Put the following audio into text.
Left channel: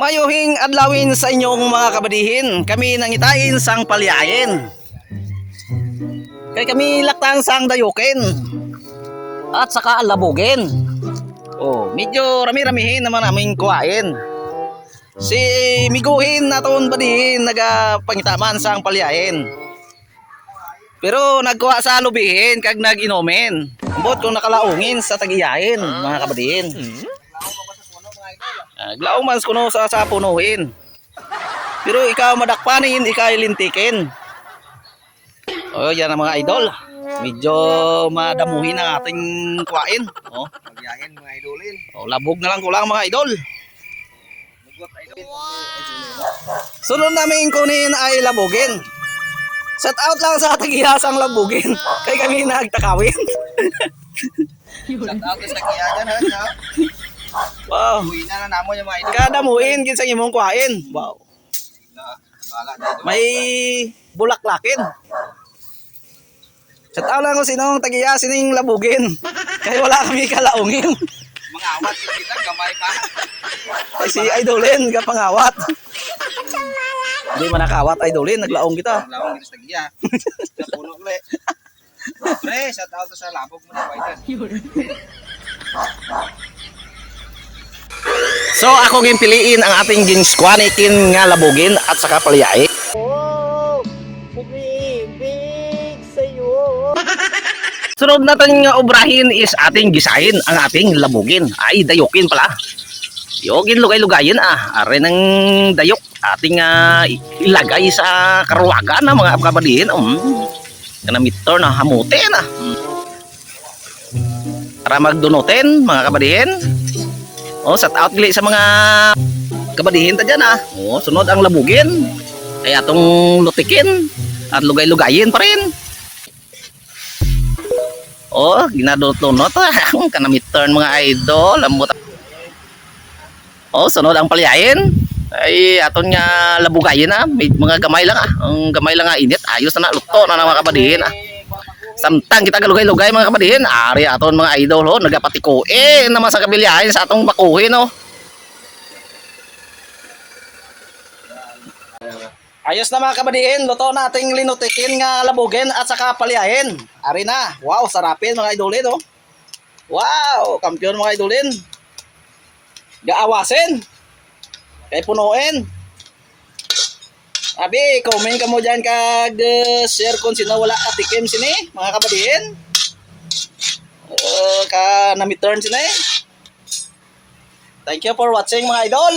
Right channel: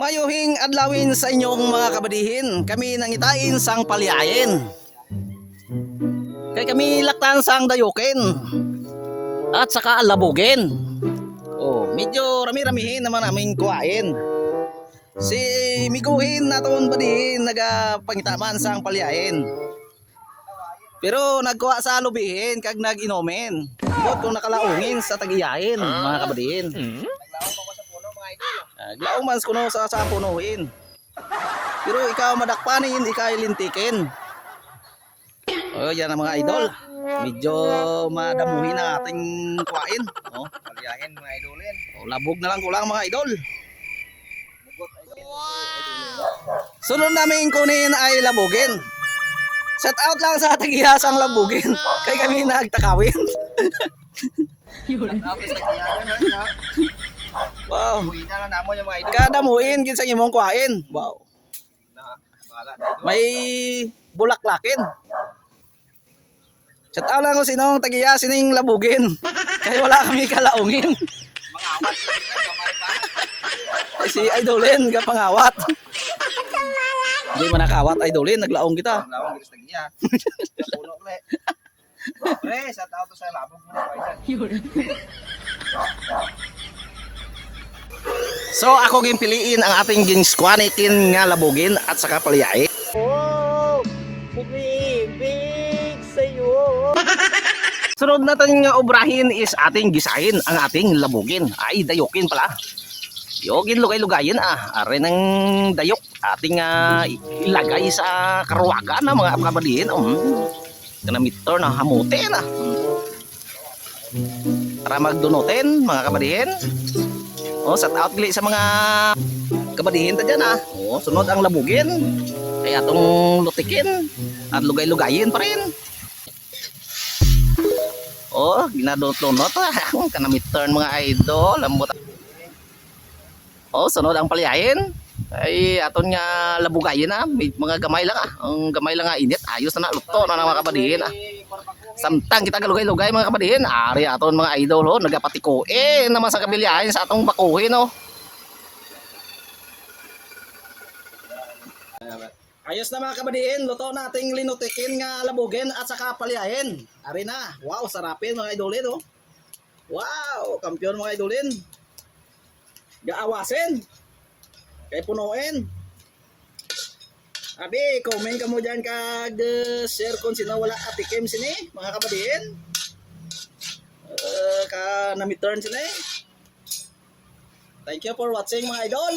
Mayuhing adlawin sa inyong mga kabadihin. Kami nangitain sang palyayin. Kay kami laktan sang dayukin. At saka labugin. Oh, medyo rami-ramihin naman aming kuhain. Si miguhin naton badihin nagapangitaman sang palyayin. Pero nagkuha sa lubihin kag nag-inomen. Bot kung nakalaungin sa tagiyahin, mga kabadihin. Glaong man kuno sa punuin. Pero ikaw madakpanin, ikaw lintikin. Oh, yan ang mga idol. Medyo madamuhin ang ating kuwain. Oh, Pagyahin mga idolin. oh, labog na lang kulang mga idol. Mugot idol. Wow! Sunod namin kunin ay labugin. Shout out lang sa tagihasang labugin. Kay kami nagtakawin. Shout out sa kiyagan ha. Wow. Uwi na nga namo yung mga idol. Kadamuin kinsa imong kuhain. Wow. Bahala na idol. May bulaklakin. Shout out lang kung sinong tagiya sining labugin. Kaya wala kami kalaungin. Mga awat kita gamay pa. Si Idolin kapangawat. Hindi man nakawat Idolin, naglaong kita. Lawang giris tagiya. Sa puno le. Pre, shout out sa labog mo na idol. So ako ginpiliin ang ating ginskwanikin nga labugin at saka palyain. Oh! Bumibig sa'yo! Sunod natin nga obrahin is ating gisahin ang ating labugin. Ay, dayukin pala. Yogin lugay-lugayin are ng dayok. Ating ilagay sa karuwagan na mga kabadihin. Kanamitor na hamutin para magdunutin mga kabadihin. Shout out gali sa mga kabadihin ta dyan sunod ang labugin. Ay atong lutikin at lugay-lugayin pa rin. Ginadunot kanamitor mga idol. Lambot. Sunod ang palyayin. Ay aton nga labugayin may mga gamay lang ang gamay lang init ayos na luto na mga kabadihin samtang kita galugay-lugay mga kabadihin ari aton mga idol nagapatikuin naman sa kabilyahin sa atong bakuhin ayos na mga kabadihin luto nating linutikin nga labugin at saka palyahin ari na wow sarapin mga idolin wow kampiyon mga idolin gaawasin kay punuin. Abi, comment ka mo dyan kag share kung sino wala katikim sini, mga kabadihin. Ka na midterm sini. Thank you for watching mga idol.